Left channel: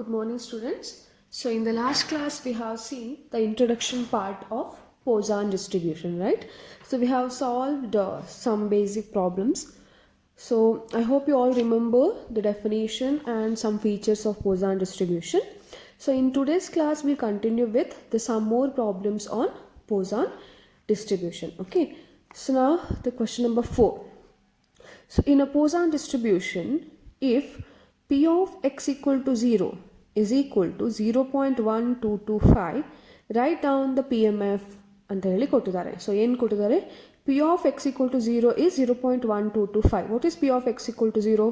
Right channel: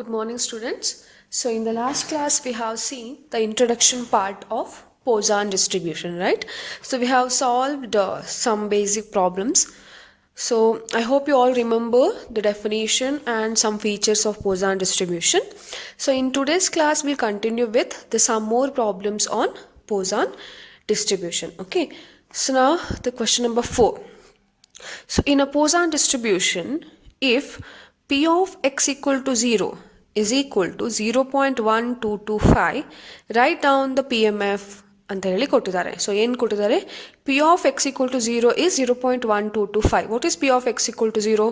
Good morning, students. So in the last class, we have seen the introduction part of Poisson distribution, right? So we have solved some basic problems. So I hope you all remember the definition and some features of Poisson distribution. So in today's class, we'll continue with some more problems on Poisson distribution. Okay. So now the question number 4. So in a Poisson distribution, if P of x equal to 0 is equal to 0.1225, write down the PMF ಅಂತ ಹೇಳಿ ಕೊಟ್ಟಿದ್ದಾರೆ. So ಏನು ಕೊಟ್ಟಿದ್ದಾರೆ? P of x equal to 0 is 0.1225. What is P of x equal to 0?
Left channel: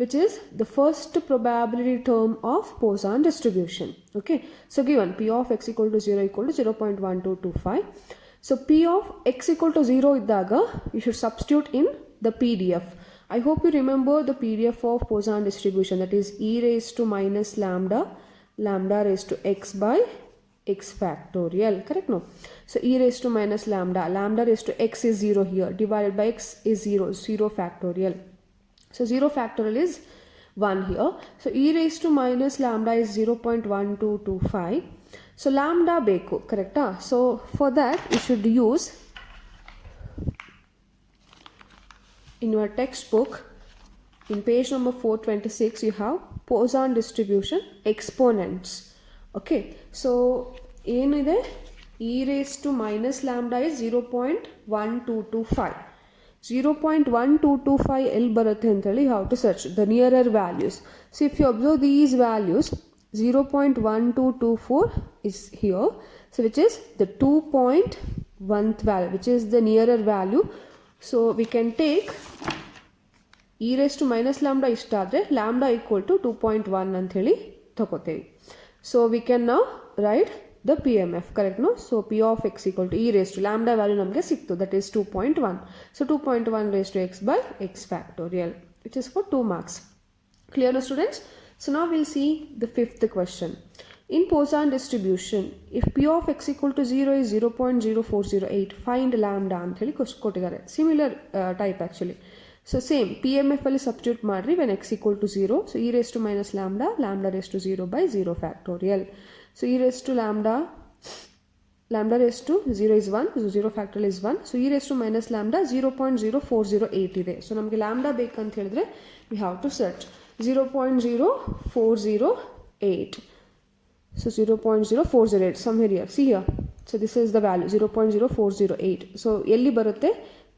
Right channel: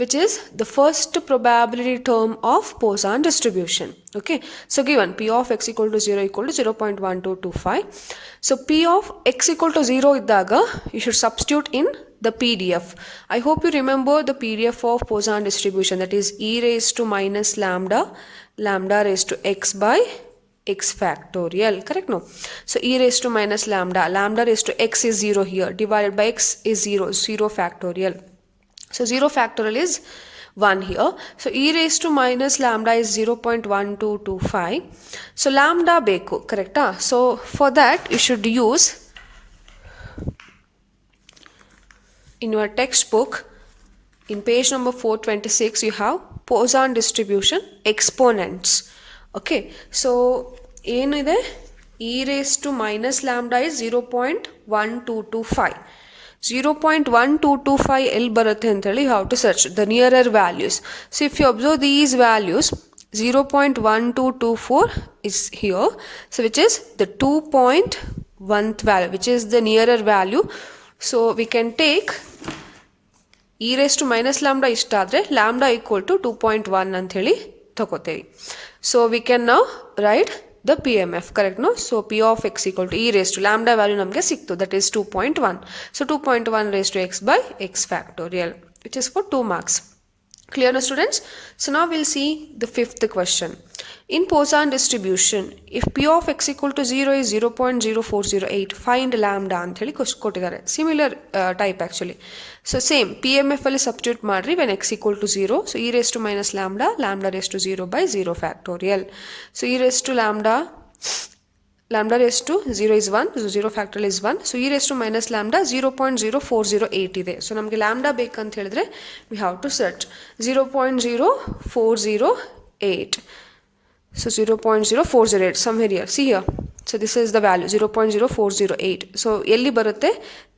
Which is the first probability term of Poisson distribution. Okay. So given P of x equal to 0 equal to 0.1225. So P of x equal to 0 iddaga, you should substitute in the PDF. I hope you remember the PDF of Poisson distribution, that is e raised to minus lambda, lambda raised to x by x factorial, correct? No. So e raised to minus lambda, lambda raised to x is 0 here, divided by x is 0, 0 factorial. So 0 factorial is 1 here. So e raised to minus lambda is 0.1225. So lambda beku, correct? So for that you should use, in your textbook, in page number 426, you have Poisson distribution exponents. Okay, so ಏನಇದೆ? e raised to minus lambda is 0.1225. 0.1225 ಎಲ್ಲಿ ಬರುತ್ತೆ ಅಂತೇಳಿ you have to search the nearer values. So if you observe these values, 0.1224 is here, so which is the 2.1th value, which is the nearer value. So we can take e raised to minus lambda ಇಷ್ಟಾದರೆ lambda equal to 2.1 ಅಂತ ಹೇಳಿ ತಗೋತೇವೆ. So we can now write the PMF, correct? No? So P of x equal to e raised to lambda value ನಮಗೆ ಸಿಕ್ತು, that is 2.1. So 2.1 raised to x by x factorial, which is for 2 marks. Clear now, students? So now we'll see the fifth question. In Poisson distribution, if P of x equal to 0 is 0.0408, find lambda ಅಂತ ಹೇಳಿ ಕೊಟ್ಟಿದ್ದಾರೆ. Similar type actually. So same PMF ಅಲ್ಲಿ substitute ಮಾಡ್ರಿ when x equal to 0. So e raised to minus lambda, lambda raised to 0 by 0 factorial. So e raised to lambda, lambda raised to 0 is 1, so 0 factorial is 1. So e raised to minus lambda 0.0408 ಇದೆ. So ನಮಗೆ lambda ಬೇಕಂತ ಹೇಳಿದ್ರೆ we have to search 0.0408. So 0.0408 somewhere here. See here. So this is the value 0.0408. So ಎಲ್ಲಿ ಬರುತ್ತೆ?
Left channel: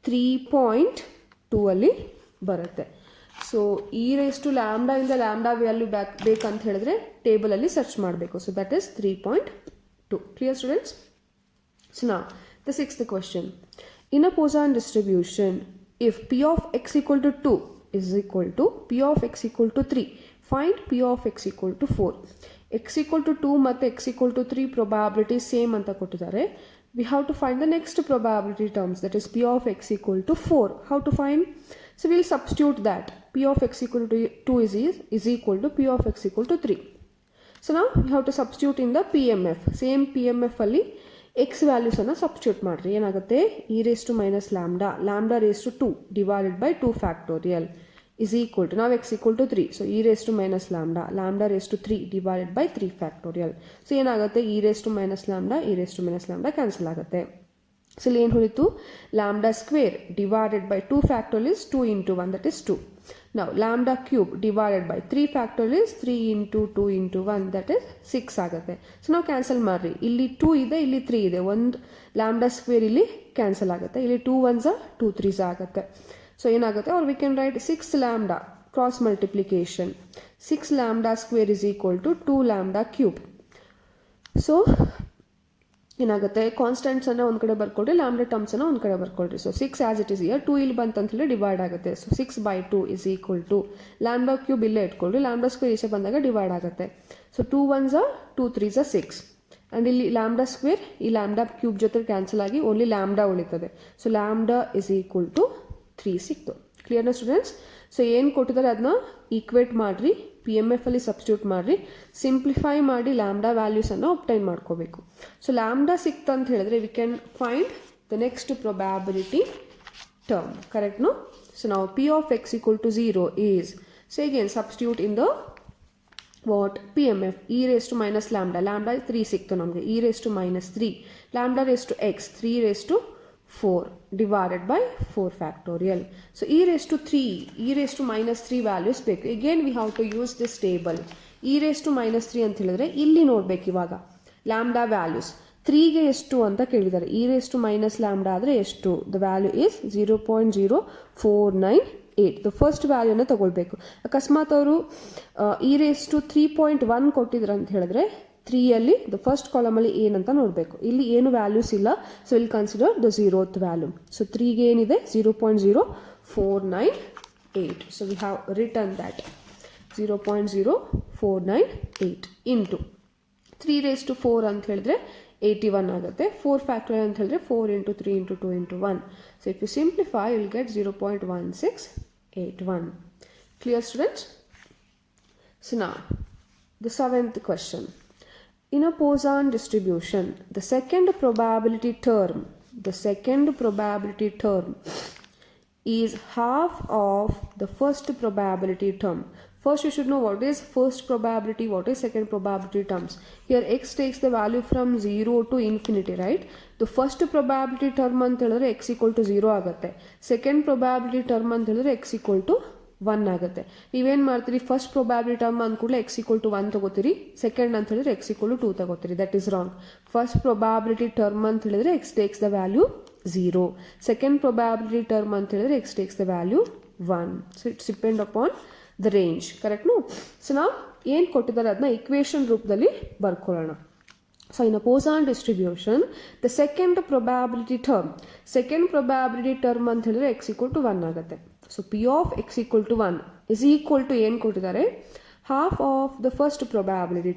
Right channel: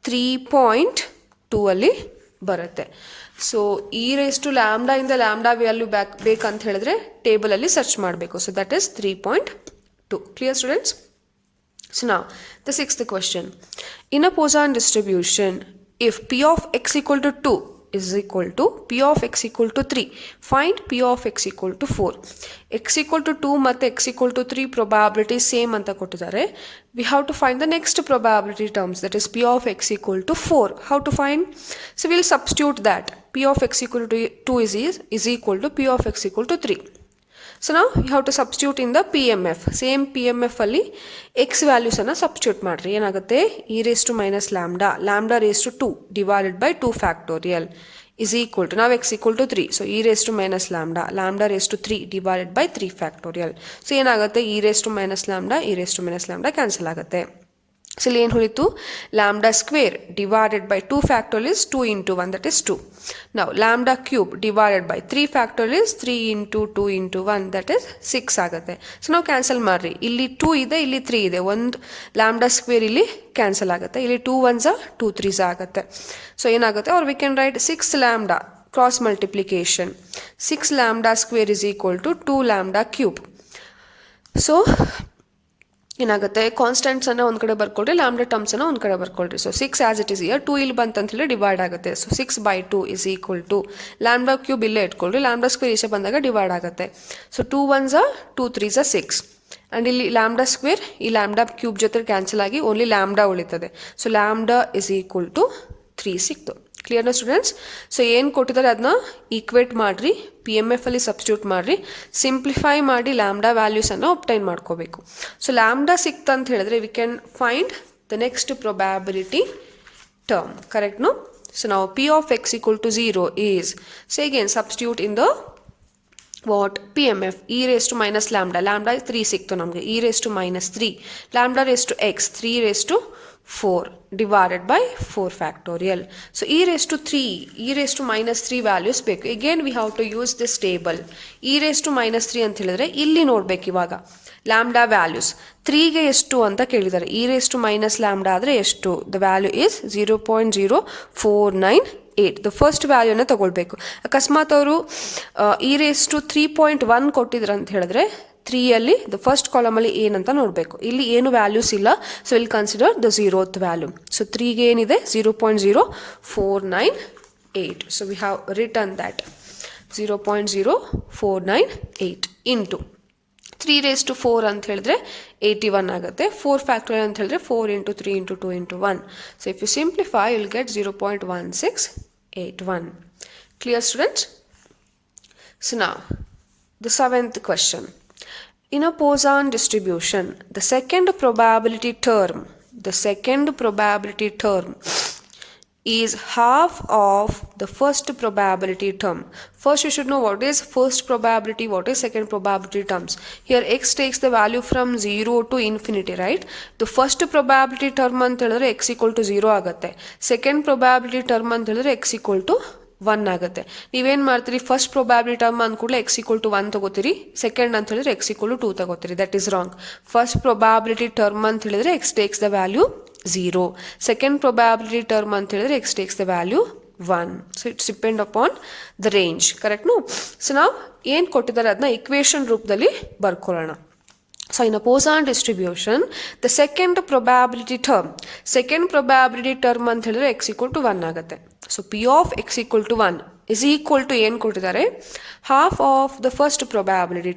3.2 ಅಲ್ಲಿ ಬರುತ್ತೆ. So e raised to lambda ಇಂದ lambda value ಬೇಕಂತ ಹೇಳಿದ್ರೆ ಟೇಬಲ್ ಅಲ್ಲಿ ಸರ್ಚ್ ಮಾಡಬೇಕು. So that is 3.2. Clear students? So now the sixth question. In a Poisson distribution, if P of x equal to 2 is equal to P of x equal to 3, find P of x equal to 4. X equal to 2 ಮತ್ತು x equal to 3 probability same ಅಂತ ಕೊಟ್ಟಿದ್ದಾರೆ. We have to find the next probability terms, that is P of x equal to 4. How to find? So we'll substitute that. P of x equal to 2 is equal to P of x equal to 3. So now you have to substitute in the PMF. Same PMF ಅಲ್ಲಿ x values ಅನ್ನು substitute ಮಾಡ್ರಿ. ಏನಾಗುತ್ತೆ? e raised to minus lambda, lambda raised to 2 divided by 2 factorial is equal to, now x equal to 3. So e raised to minus lambda, lambda raised to 3 divided by 3 factorial. So ಏನಾಗುತ್ತೆ? e raised to minus lambda, e raised to minus lambda cancel ಆಗುತ್ತೆ. So ಇಲ್ಲಿ ಏನು ಉಳಿತು? lambda square divided by 2 factorial is 2 into 1, that is 2. Now lambda cube divided by 3 factorial is 3 into 2 into 1, that is 6 ಆಗುತ್ತೆ. So ನಾವು cancel ಮಾಡ್ರಿ. ಇಲ್ಲಿ 2 ಇದೆ, ಇಲ್ಲಿ 3 ಇದೆ, ಒಂದು lambda square ಇಲ್ಲಿ ಕ್ಯಾನ್ಸಲ್ ಆಗುತ್ತೆ, ಇಲ್ಲಿ 2 1s 2 3s ಆಗುತ್ತೆ. ಸೊ ಏನಾಗುತ್ತೆ? or we can write 6 lambda cross multiplication, 6 lambda square is equal to 2 lambda cube. So ಏನಾಗುತ್ತೆ? ಕಾನ್ಸ್ಟೆಂಟ್ಸ್ ಅನ್ನ ಒಂದು ಕಡೆ ಬರ್ಕೊಳ್ರಿ, ಲ್ಯಾಂಬ್ಡಾ ಟರ್ಮ್ಸ್ ಅನ್ನ ಒಂದು ಕಡೆ ಬರ್ಕೊಳ್ರಿ. So 6 as it is here, 2 ಇಲ್ಲಿ ಬಂತಂತ ಹೇಳಿ ಡಿವೈಡ್ ಆಗುತ್ತೆ. So 6/2 is equal to lambda cube ಇಲ್ಲೇ ಇಟ್ಕೊಳ್ರಿ, ಲ್ಯಾಂಬ್ಡಾ ಸ್ಕ್ವೇರ್ ಈಚೆ ಬಂದಾಗ ಡಿವೈಡ್ ಆಗುತ್ತೆ. ಸೊ 2 1s 2 3s 6 ಆ್ಯಂಡ್ ಇಲ್ಲಿ ಲ್ಯಾಂಬ್ಡಾ ಸ್ಕ್ವೇರ್ ಈ ಲ್ಯಾಂಬ್ಡಾ ಕ್ಯೂಬ್ ಜೊತೆ ಕ್ಯಾನ್ಸಲ್ ಆಗಿ ಓನ್ಲಿ ಲ್ಯಾಂಬ್ಡಾ ಉಳಿತದೆ. So lambda is equal to 3 ಸಿಕ್ತು. ಕ್ಲಿಯರ್ನ ಸ್ಟೂಡೆಂಟ್ಸ್? ಸೊ ಏನು ಕೊಟ್ಟಿದ್ದಾರೆ ಅದನ್ನ ಈಕ್ವೇಟ್ ಮಾಡಿರಿ, PMF ಅಲ್ಲಿ ಸಬ್ಸ್ಟಿಟ್ಯೂಟ್ ಮಾಡಿರಿ, ಸಿಂಪ್ಲಿಫೈ ಮಾಡಿ ಲ್ಯಾಂಬ್ಡಾ ವ್ಯಾಲ್ಯೂಸನ್ನು ಒಬ್ಟೈನ್ ಮಾಡ್ಕೋಬೇಕು. ಸೊ ಲ್ಯಾಂಬ್ಡಾ ಸಿಕ್ತು ಅಂತ ಹೇಳಿದ್ರೆ we can find the next probability term, correct? No? So ನಾವು P of x equal to 0 is, so again substitute in the what P M F e raise to minus lambda 3 ಸಿಕ್ತು ನಮಗೆ e raise to minus 3 lambda raise to x 3 raise to 4 divided by 4 factorial. So e raised to 3, e raised to minus 3 values ಬೇಕು. Again we have to use this table. e raised to minus 3 ಅಂತ ಹೇಳಿದ್ರೆ ಇಲ್ಲಿ ನೋಡ್ಬೇಕು ಇವಾಗ lambda values 3ಗೆ ಎಷ್ಟು ಅಂತ ಕೇಳಿದ್ದಾರೆ. e raised to minus lambda ಆದರೆ ಎಷ್ಟು? The value is 0.0498. The first ವ್ಯಾಲ್ಯೂನ ತಗೊಳ್ಬೇಕು. ಅಕಸ್ಮಾತ್ ಅವರು e raised to 3.1 ಕೊಟ್ಟಿದ್ರು ಅಂತ ಹೇಳಿದ್ರೆ 3ಅಲ್ಲಿ ದ ಫಸ್ಟ್ ಕಾಲಮಲ್ಲಿ ಏನಂತ ನೋಡಬೇಕು. ಇಲ್ಲಿ ಏನು ವ್ಯಾಲ್ಯೂಸ್ ಇಲ್ಲ, so will consider the 0th value. So 3ಗೆ ಏನಿದೆ 0.0498. So we have return that 0.0498 into 3 raised to 4 ಅಂತ ಹೇಳಿದ್ರೆ 81 ಆಗುತ್ತೆ. 4 ಫ್ಯಾಕ್ಟೋರಿಯಲ್ ಅಂತ ಹೇಳಿದ್ರೆ 4 into 3 into 2 into 1. So if you simplify you will get 0.1681. Clear students? So now the 7th question. In a Poisson distribution, the second probability term is half of the first probability term. First you should know what is first probability, what is second probability terms. Here x takes the value from 0 to infinity, right? The first probability term ಅಂತ ಹೇಳಿದ್ರೆ x equal to 0 ಆಗುತ್ತೆ. Second probability term ಅಂತ ಹೇಳಿದ್ರೆ x equal to 1 ಆಗುತ್ತೆ. ನೀವೇನು ಮಾಡ್ತೀರಿ, first probability term ಅಂದ್ಕೂಡಲೇ x equal to 1 ತಗೋತೀರಿ, ಸೆಕೆಂಡ್ ಅಂತ ಹೇಳಿದ್ರೆ x equal to 2 ತಗೋತೀರಿ. That is wrong. First probability term ಅಂತ ಹೇಳಿದ್ರೆ x takes the value 0. Second probability term ಅಂತ ಹೇಳಿದ್ರೆ x takes the value 1. So it's depend upon the range. Correct no? So ನಾವು ಏನು ಕೊಟ್ಟಿದ್ದಾರೆ ಅದನ್ನ ಇಕ್ವೇಷನ್ ರೂಪದಲ್ಲಿ ಬರ್ಕೊಳ್ಳೋಣ. So in a Poisson distribution, the second probability term ಅಂತ ಹೇಳಿದ್ರೆ x equal to 1 ಆಗುತ್ತೆ. So p of x equal to 1 is equal to ಏನು ಕೊಟ್ಟಿದ್ದಾರೆ, half of the first probability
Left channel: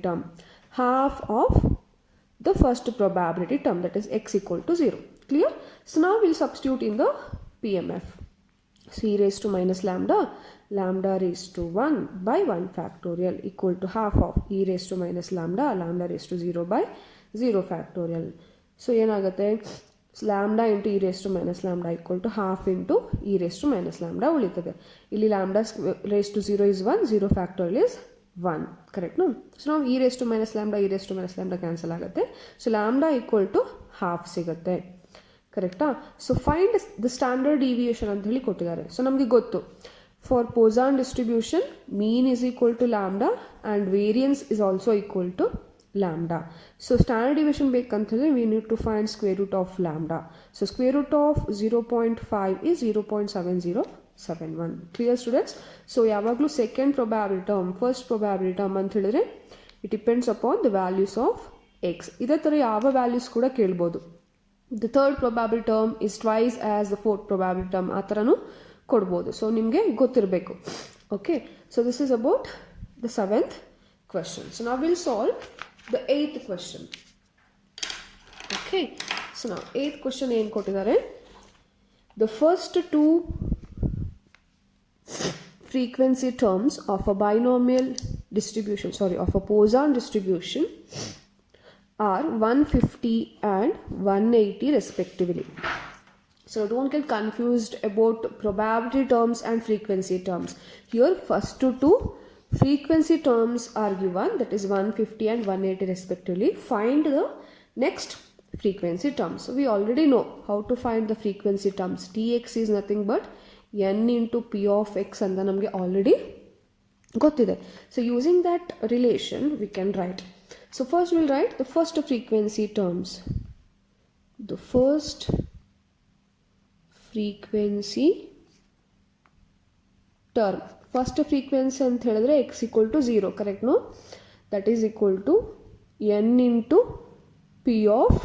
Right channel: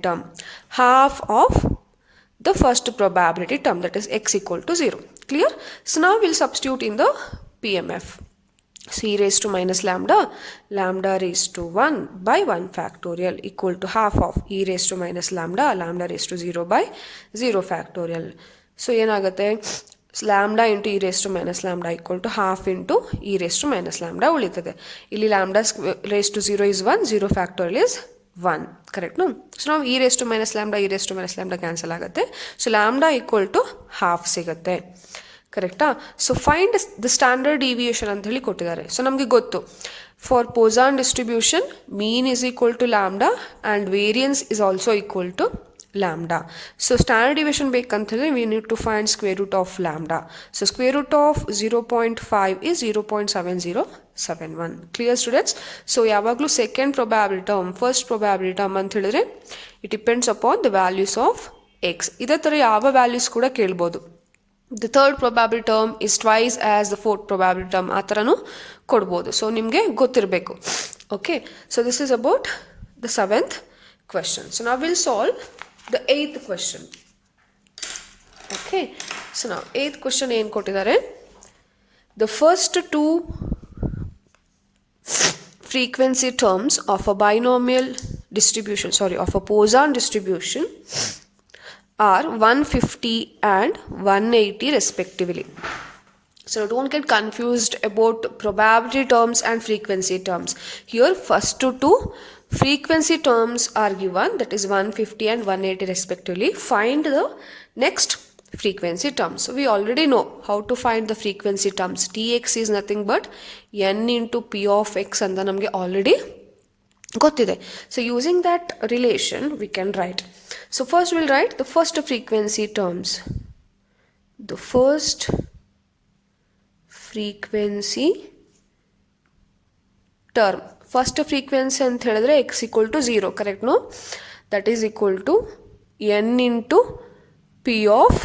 term, that is x equal to 0. Clear? So now we'll substitute in the PMF. So e raised to minus lambda raised to 1 by 1 factorial equal to half of e raised to minus lambda raised to 0 by 0 factorial. So ಏನಾಗುತ್ತೆ, lambda into e raised to minus lambda equal to half into e raised to minus lambda ಉಳಿತದೆ. ಇಲ್ಲಿ lambda raised to 0 is 1, 0 factorial is 1. Correct no? So now e raised to minus lambda cancel ಆಗುತ್ತೆ. So lambda equal to half ಸಿಗುತ್ತೆ. ಕರೆಕ್ಟಾ? So find the standard deviation ಅಂತ ಹೇಳಿ ಕೊಟ್ಟಿದ್ದಾರೆ. So ನಮಗೆ ಗೊತ್ತು, for Poisson distribution mean is equal to lambda and variance is also equal to lambda. So standard deviation ಬೇಕಂತ ಹೇಳಿದ್ರೆ we need to find square root of lambda. So square root of 0.5 is 0.7071. Clear students? So ಯಾವಾಗಲೂ second probability term first probability term ಅಂತ ಹೇಳಿದ್ರೆ it depends upon the values of x. ಇದೇ ಥರ ಯಾವ values ಕೂಡ ಕೇಳ್ಬೋದು. The third probability term is twice as the fourth probability term ಆ ಥರನೂ ಕೊಡ್ಬೋದು. ಸೊ ನಿಮಗೆ ಗೊತ್ತಿರಬೇಕು. Okay, so this is about the 7th question. So now we'll solve the 8th question. Okay, so now 8th question ಏನು ಕೊಟ್ಟಿದ್ದಾರೆ, the first two frequency terms of a binomial distribution, of a Poisson distribution are 150 and 180 respectively. So don't get confused about probability terms and frequency terms. Here first two frequency terms are given, that is 150 and 180 respectively. Find the next frequency terms. So we already know how to find the frequency terms. Tx is nothing but n into p of x ಅಂತ ನಮಗೆ already ಗೊತ್ತಿದೆ. So using that relation we can write. So first we'll write the first frequency terms. The first frequency term. First frequency ಅಂತ ಹೇಳಿದ್ರೆ x equal to 0, correct no? That is equal to n into p of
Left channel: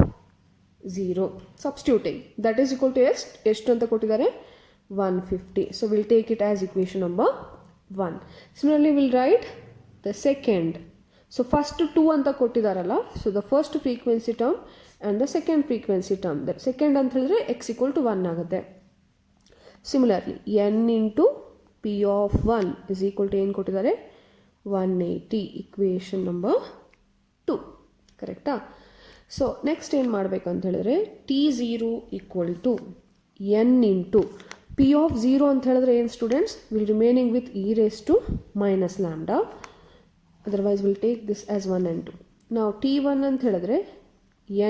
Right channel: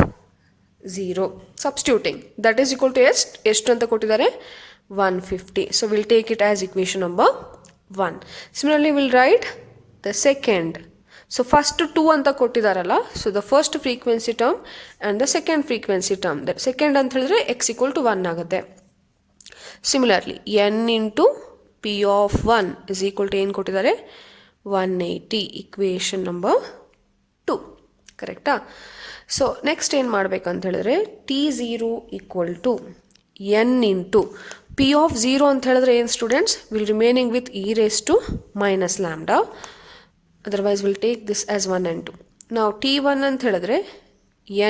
0. Substituting. That is equal to ಎಷ್ಟು ಅಂತ ಕೊಟ್ಟಿದ್ದಾರೆ 150. So we'll take it as equation number 1. Similarly we'll write the second. So first 2 ಅಂತ ಕೊಟ್ಟಿದ್ದಾರಲ್ಲ, so the first frequency term and the second frequency term. That second ಅಂತ ಹೇಳಿದ್ರೆ x equal to 1 ಆಗುತ್ತೆ. Similarly n into p of 1 is equal to ಏನು ಕೊಟ್ಟಿದ್ದಾರೆ 180. Equation number 2. ಕರೆಕ್ಟಾ? So next ಏನು ಮಾಡಬೇಕಂತ ಹೇಳಿದ್ರೆ T0 equal to n into p of 0 ಅಂತ ಹೇಳಿದ್ರೆ ಏನು ಸ್ಟೂಡೆಂಟ್ಸ್, will remaining with e raise to minus lambda Otherwise we'll take this as 1 and 2. Now t1 ಅಂತ ಹೇಳಿದ್ರೆ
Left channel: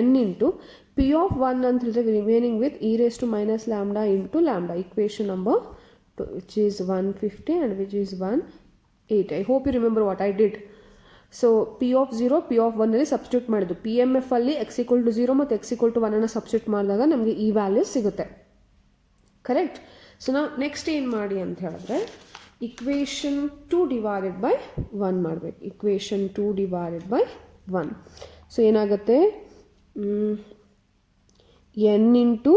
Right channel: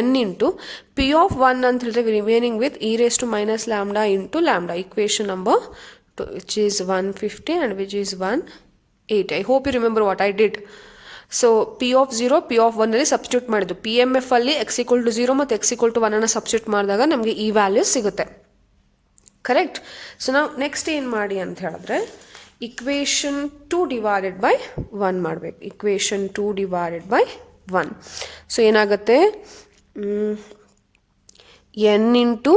n into p of 1 ಅಂತ ಹೇಳಿದ್ರೆ remaining with e raised to minus lambda into lambda, equation number 2, which is 150 and which is 180. I hope you remember what I did. So p of 0 p of 1 ಅಲ್ಲಿ substitute ಮಾಡಿದ್ದು, P M F ಅಲ್ಲಿ x equal to 0 ಮತ್ತು x equal to 1 ಅನ್ನು substitute ಮಾಡಿದಾಗ ನಮಗೆ ಈ values ಸಿಗುತ್ತೆ. Correct. So ನಾವು ನೆಕ್ಸ್ಟ್ ಏನು ಮಾಡಿ ಅಂತ ಹೇಳಿದ್ರೆ ಇಕ್ವೇಷನ್ 2 ಡಿವೈಡೆಡ್ ಬೈ 1 ಮಾಡಬೇಕು. Equation 2 divided by 1. ಸೊ ಏನಾಗುತ್ತೆ, n into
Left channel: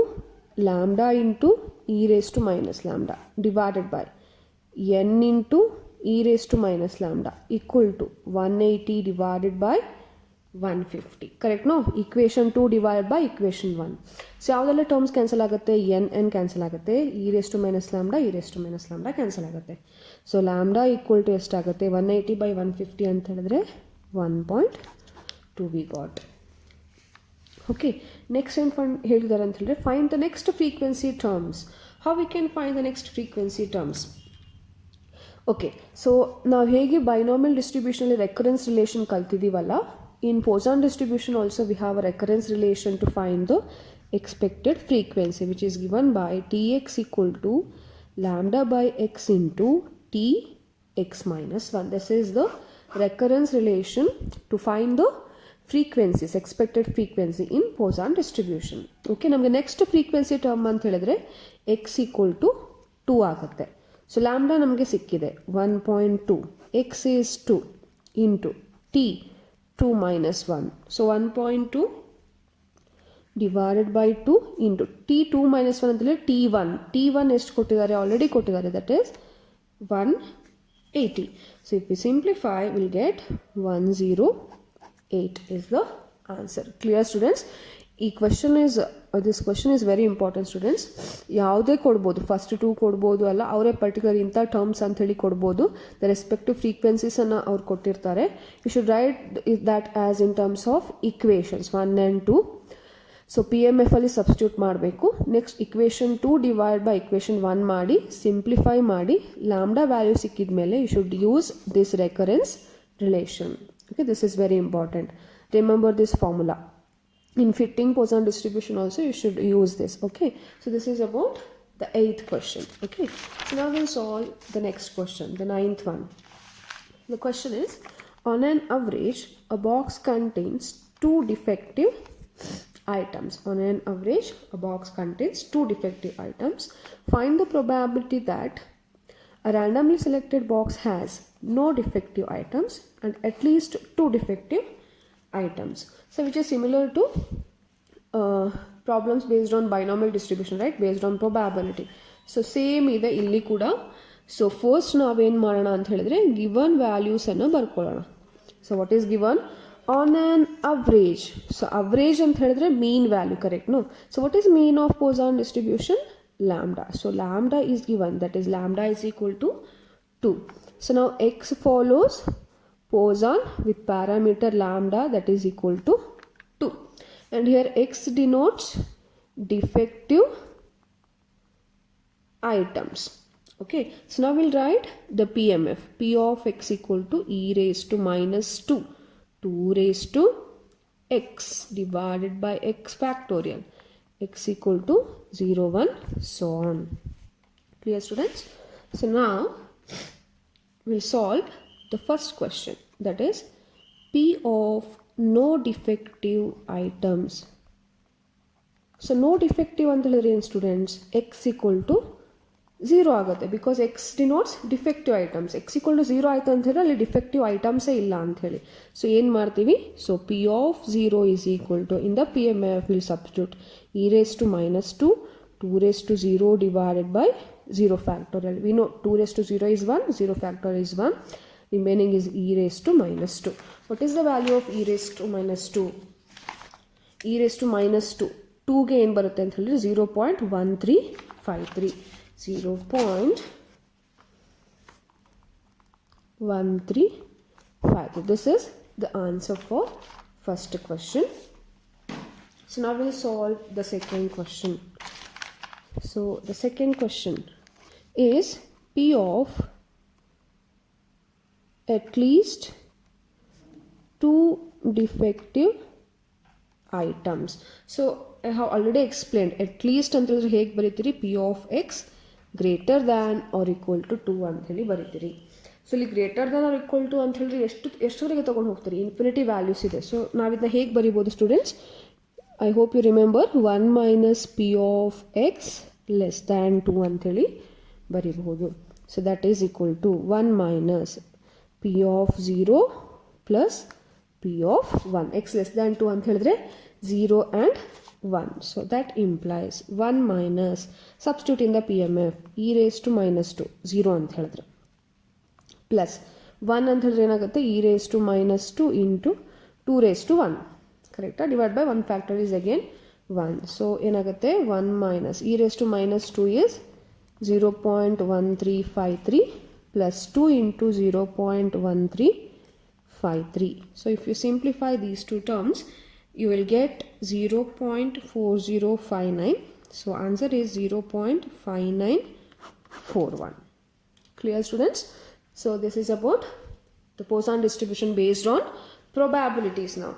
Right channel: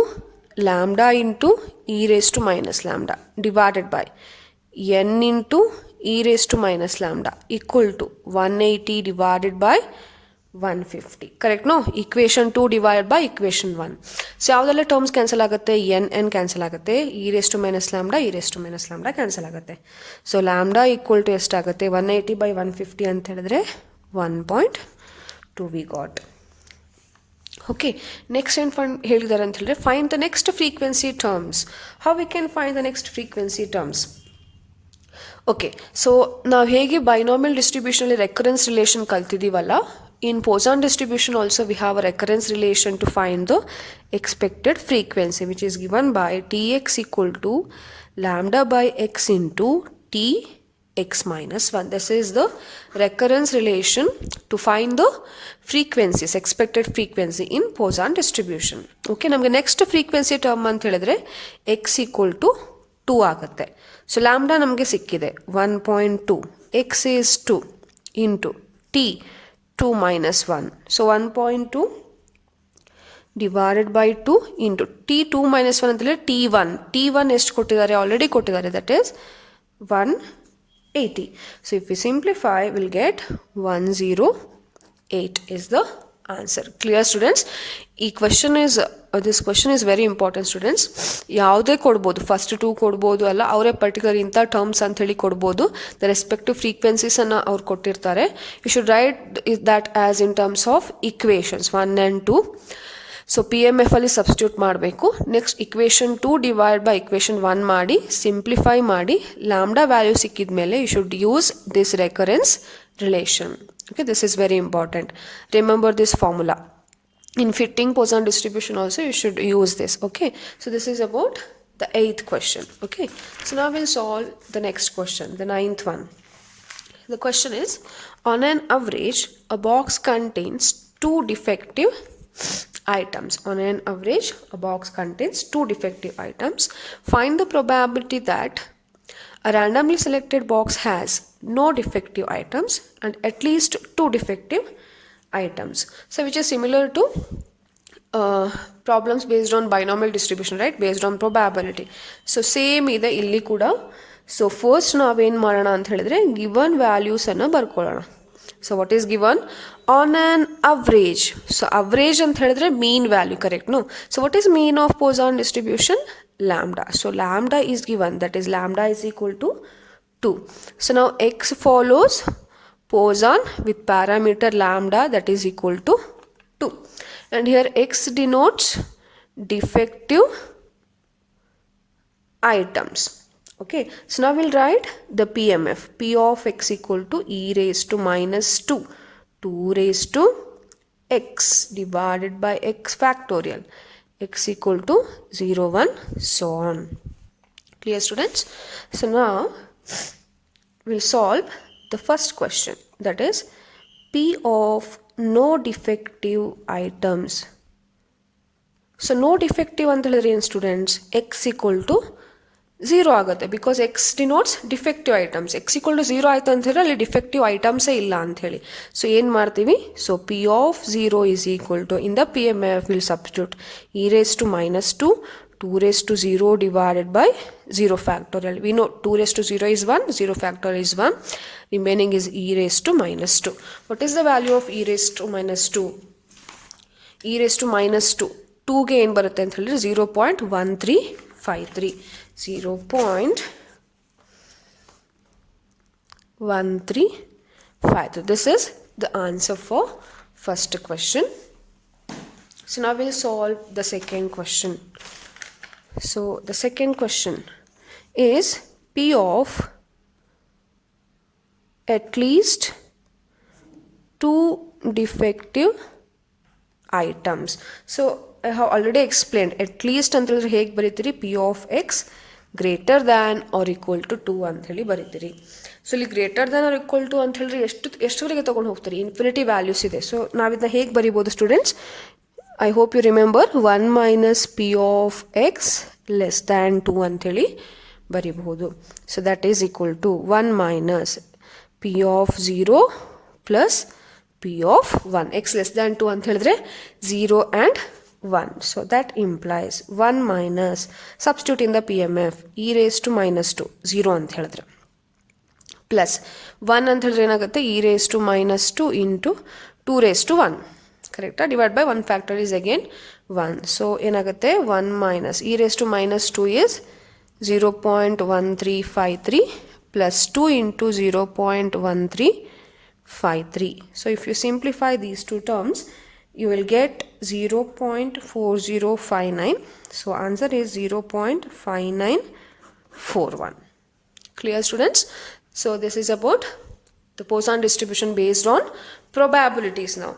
lambda into e raise to minus lambda divided by n into e raised to minus lambda equal to 180 divided by 150. Correct, no? Equation 2 divided by equation 1. So ಯಾವುದೆಲ್ಲ terms cancel ಆಗುತ್ತೆ, n cancel ಆಗುತ್ತೆ, e raised to minus lambda cancel ಆಗುತ್ತೆ. So lambda equal to ಎಷ್ಟಾಗುತ್ತೆ, 180 by 150 ಅಂತ ಹೇಳಿದ್ರೆ 1.2 we got. Okay, next ಏನು ಹೇಳಿದ್ದಾರೆ ಅಂತ ಹೇಳಿದ್ರೆ find the next frequency terms. How we can find the next frequency terms? Okay, so ನಾವು ಹೇಗೆ binomial ಡಿಸ್ಟ್ರಿಬ್ಯೂಷನಲ್ಲಿ recurrence relation ಕಲ್ತಿದ್ದೀವಲ್ಲ, in Poisson distribution also we have a recurrence relation to find the expected frequency, which is given by tx equal to lambda by x into tx minus 1. This is the recurrence relation to find the frequencies, expected frequency in Poisson distribution. Okay, ನಮಗೆ next frequency term ಅಂತ ಹೇಳಿದ್ರೆ x equal to 2 ಆಗುತ್ತೆ. So lambda ನಮಗೆ ಸಿಕ್ಕಿದೆ 1.2, x is 2 into t 2 minus 1. So 1.2 divided by 2 into t 2 minus 1 ಅಂತೇಳಿ t1 ಎಷ್ಟು ಕೊಟ್ಟಿದ್ದಾರೆ, already ಕೊಟ್ಟಿದ್ದಾರೆ, that is 180. So if we simplify will get 108 is the answer. Clear students? ಈ this question is very important students. ಯಾವುದೇ ಕೊಡ್ಬೋದು, first 2 ಕೊಡ್ಬೋದು, ಅಲ್ಲ ಅವರೇ ಪರ್ಟಿಕ್ಯುಲರ್ ಇಂಥ ಟರ್ಮ್ಸ್ ಅಂತ ಹೇಳಿ ಕೊಡ್ಬೋದು. ದ ರೆಸ್ಪೆಕ್ಟಿವ್ ಫ್ರೀಕ್ವೆನ್ಸೀಸನ್ನು ಅವ್ರು ಕೊಟ್ಟಿರ್ತಾರೆ. You should write that as in terms of equations 1 and 2. So P M F ಅಲ್ಲಿ ಸಬ್ಸ್ಟಿಟ್ಯೂಟ್ ಮಾಡಬೇಕು. Next equation 2 divide by equation 1 ಮಾಡಿ ಸಿಂಪ್ಲಿಫೈ ಮಾಡಿ ಲ್ಯಾಂಬ್ಡಾ ವ್ಯಾಲ್ಯೂ ಸಿಕ್ಕಿದ ಮೇಲೆ you should use this recurrence relation. Okay, this is very important. Remember this formula. In fitting Poisson distribution also you should use this. Okay, so this is about the 8th question. Okay, so now we'll solve the next question, the 9th one. The question is, on an average a box contains 2 defective items. On an average a box contains 2 defective items. Find the probability that a randomly selected box has no defective items and at least 2 defective items. So which is similar to problems based on binomial distribution, right? Based on probability. So same ಇದೆ ಇಲ್ಲಿ ಕೂಡ. So first ನಾವೇನು ಮಾಡೋಣ ಅಂತ ಹೇಳಿದ್ರೆ given values ಅನ್ನು ಬರ್ಕೊಳ್ಳೋಣ. So what is given? On an average. So average ಅಂತ ಹೇಳಿದ್ರೆ mean value, correct? No. So what is mean of Poisson distribution? Lambda. So lambda is given, that is lambda is equal to 2. So now x follows Poisson with parameter lambda that is equal to 2. And here x denotes defective items. Okay, so now we'll write the PMF. P of x equal to e raised to minus 2. 2 raised to x divided by x factorial. X equal to 0, 1, so on. Clear students? So now we'll solve the first question, that is P of no defective items. So no defective ಅಂತ ಹೇಳಿದ್ರೆ ಏನು students? X equal to 0 ಆಗುತ್ತೆ, because x denotes defective items. X equal to 0 ಆಯಿತು ಅಂತ ಹೇಳಿದ್ರೆ ಅಲ್ಲಿ defective ಐಟಮ್ಸೇ ಇಲ್ಲ ಅಂಥೇಳಿ. ಸೊ ಏನು ಮಾಡ್ತೀವಿ, so P of 0 is equal to in the P M F will substitute e raise to minus 2, 2 raised to 0 divided by 0 factorial. We know 2 raised to 0 is 1, 0 factorial is 1, remaining is e raised to minus 2. What is the value of e raised to minus 2? e raised to minus 2, 2 ಗೆ ಏನು ಬರುತ್ತೆ ಅಂತ ಹೇಳಿದ್ರೆ 0.1353. 0.1353. This is the answer for first question. So now we'll solve the second question. So the second question is P of at least 2 defective items. So I have already explained at least ಅಂತ ಹೇಳಿದ್ರೆ ಹೇಗೆ ಬರೀತೀರಿ p of x greater than or equal to 2 ಅಂತ ಹೇಳಿ ಬರೀತೀರಿ. So ಇಲ್ಲಿ greater than or equal to ಅಂತ ಹೇಳಿದ್ರೆ ಎಷ್ಟುವರೆಗೆ ತೊಗೊಂಡು ಹೋಗ್ತೀರಿ, ಇನ್ಫಿನಿಟಿ ವ್ಯಾಲ್ಯೂಸ್ ಇದೆ. ಸೊ ನಾವಿದನ್ನ ಹೇಗೆ ಬರಿಬೋದು students? I hope you remember 1 minus P of x less than 2 ಅಂಥೇಳಿ ಬರಿಬಹುದು. So that is equal to 1 minus P of 0 plus P of 1. X less than 2 ಅಂತ ಹೇಳಿದ್ರೆ 0 and 1. So that implies 1 minus, substitute in the PMF, e raised to minus 2, 0 ಅಂತ ಹೇಳಿದ್ರೆ, plus 1 ಅಂತ ಹೇಳಿದ್ರೆ ಏನಾಗುತ್ತೆ, e raised to minus 2 into 2 raised to 1, ಕರೆಕ್ಟಾ? Divide by 1 factor is again 1. So ಏನಾಗುತ್ತೆ, 1 minus e raised to minus 2 is 0.1353 plus 2 into 0.1353. So if you simplify these two terms, you will get 0.4059. So answer is 0.5941. Clear, students? So this is about the Poisson distribution based on probabilities now.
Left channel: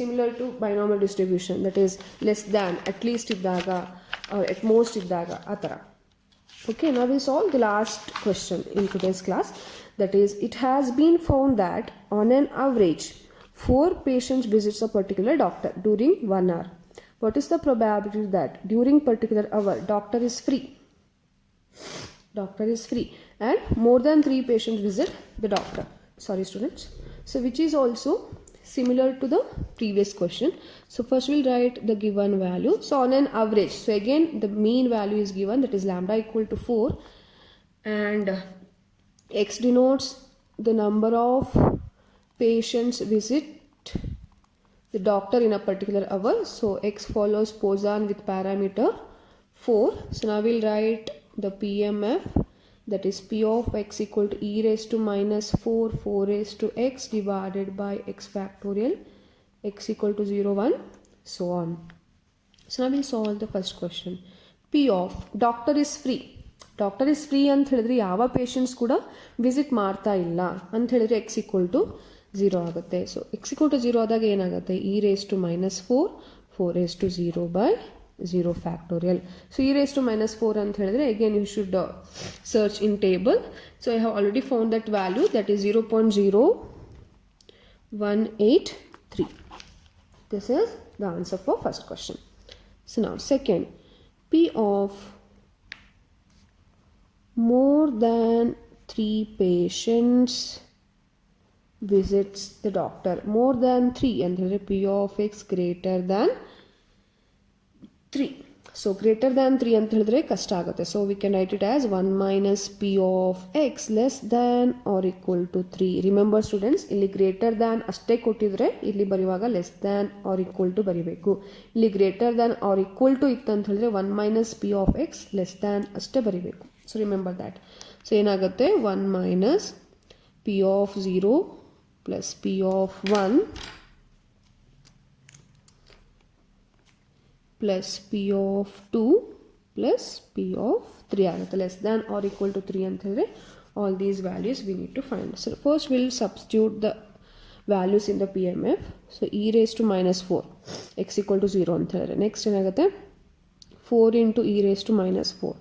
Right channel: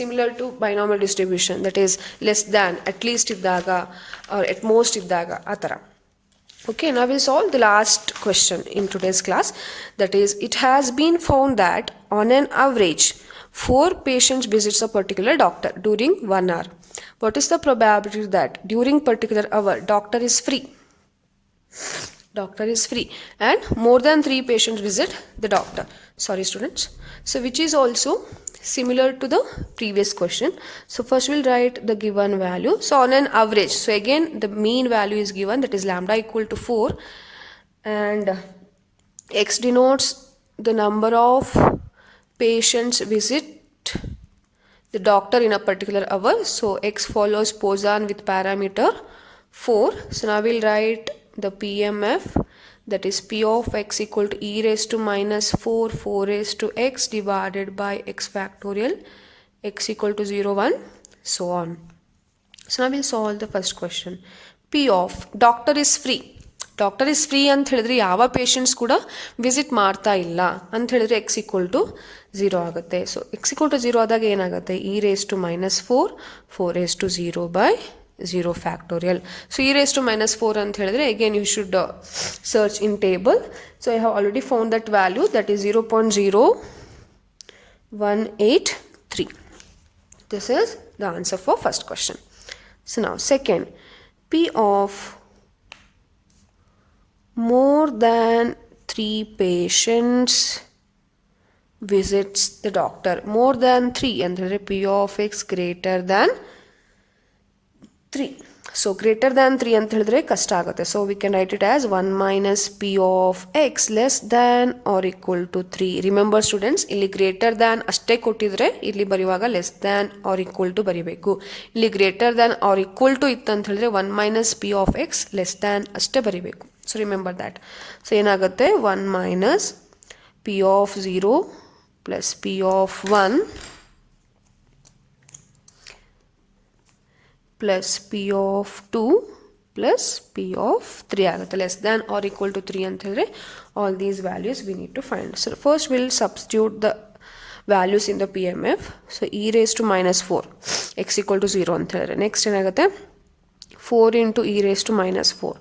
Similar to binomial distribution, that is less than, at least iddaga or at most iddaga, atara. Okay, now we'll solve the last question in today's class. That is, it has been found that on an average 4 patients visits a particular doctor during 1 hour. What is the probability that during particular hour doctor is free? Doctor is free and more than 3 patients visit the doctor. Sorry students. So which is also similar to the previous question. So first we'll write the given value. So on an average, so again the mean value is given, that is lambda equal to 4, and x denotes the number of patients visit the doctor in a particular hour. So x follows Poisson with parameter 4. So now we'll write the PMF, that is p of x equal to e raised to minus 4 raised to x divided by x factorial, x equal to 0 1, so on. So now we'll solve the first question. P of doctor is free. Doctor is free ಅಂತ ಹೇಳಿದ್ರೆ ಯಾವ patients ಕೂಡ visit ಮಾಡ್ತಾ ಇಲ್ಲ ಅಂತ ಹೇಳಿದ್ರೆ x equal to 0 ಆಗುತ್ತೆ. So X equal to 0 ಆದಾಗ ಏನಾಗುತ್ತೆ, e raise to minus 4 raise to 0 by 0 factorial. So e raise to minus 4 ಅಂತ ಹೇಳಿದ್ರೆ again you should search in table. So I have already found that value, that is 0.0183. This is the answer for first question. So now second, P of more than 3 patients visits the doctor. More than 3 ಅಂದರೆ P of x greater than 3. So greater than 3 ಅಂತ ಹೇಳಿದ್ರೆ ಕಷ್ಟ ಆಗುತ್ತೆ. So we can write it as 1 minus P of x less than or equal to 3. Remember students, ಇಲ್ಲಿ greater than ಅಷ್ಟೇ ಕೊಟ್ಟಿದ್ರೆ ಇಲ್ಲಿ ಬರೆಯುವಾಗ less than or equal to ಬರಿಬೇಕು. ಇಲ್ಲಿ greater than or equal to ಇತ್ತು ಅಂತ ಹೇಳಿದ್ರೆ 1 minus P of x less than ಅಷ್ಟೇ ಬರಿಬೇಕು. So remember that. So ಏನಾಗುತ್ತೆ, 1 minus P of 0 plus P of 1 plus P of 2 plus P of 3 ಆಗುತ್ತೆ. Less than or equal to 3 ಅಂತ ಹೇಳಿದ್ರೆ all these values we need to find. So first will substitute the values in the P M F. So e raise to minus 4 x equal to 0 ಅಂತ ಹೇಳಿದ್ರೆ next ಏನಾಗುತ್ತೆ, 4 into e raise to minus 4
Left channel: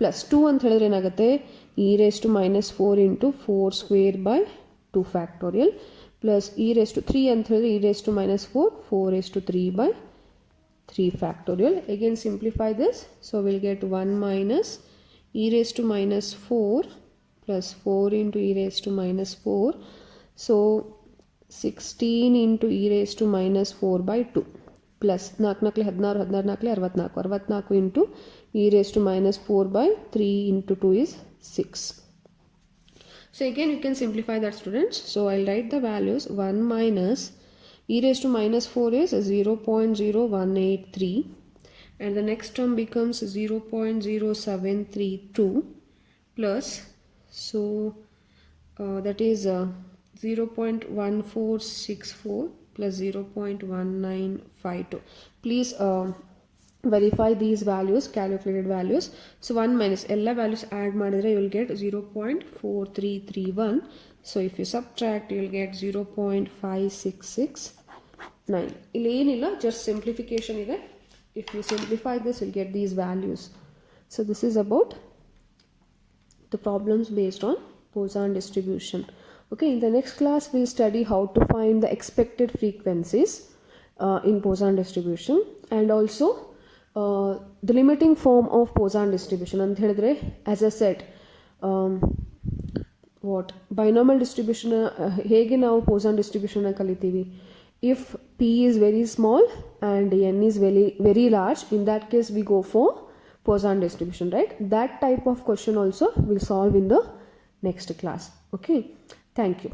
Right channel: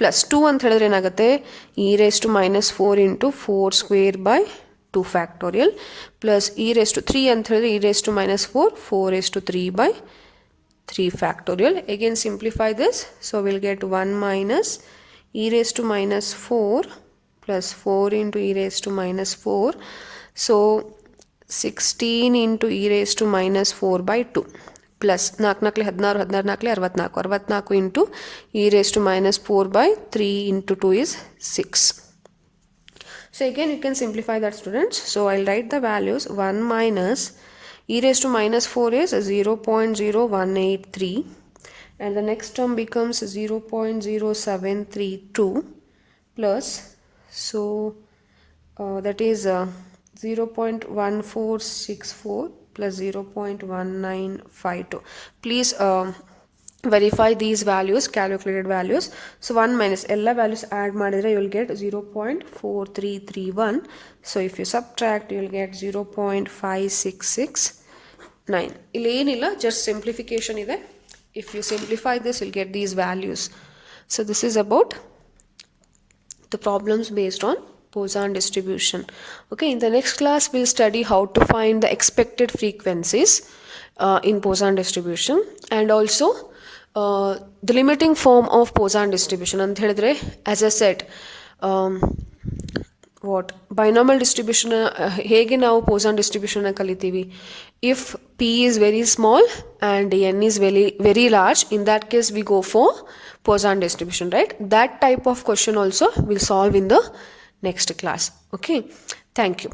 plus 2 ಅಂತ ಹೇಳಿದ್ರೆ ಏನಾಗುತ್ತೆ, e raise to minus 4 into 4 square by 2 factorial plus e raise to 3 ಅಂತ ಹೇಳಿದ್ರೆ e raise to minus 4 raise to 3 by 3 factorial. Again simplify this. So we'll get 1 minus e raised to minus 4 plus 4 into e raised to minus 4. So 16 into e raised to minus 4 by 2 plus 4 ನಾಲ್ಕಲೆ 16 16 ನಾಲ್ಕಲೆ 64 64 into e raised to minus 4 by 3 into 2 is 6. So again you can simplify that students. So I'll write the values. 1 minus e raised to minus 4 is 0.0183 and the next term becomes 0.0732 plus, so that is 0.1464 plus 0.1952. Please verify these values, calculated values. So 1 minus ella values add madidre you will get 0.4331 So if you subtract, you will get 0.5669. Illenilla, just simplification ide. If you simplify this, you'll get these values. So this is about the problems based on Poisson distribution. Okay, in the next class, we'll study how to find the expected frequencies in Poisson distribution, and also the limiting form of Poisson distribution. And as I said, what binomial distribution hege ನಾವು Poisson distribution ಕಲಿತೀವಿ. If p is very small and n is very large, in that case we go for Poisson distribution, right? That type of question also we'll solve in the next class. Okay, thank you.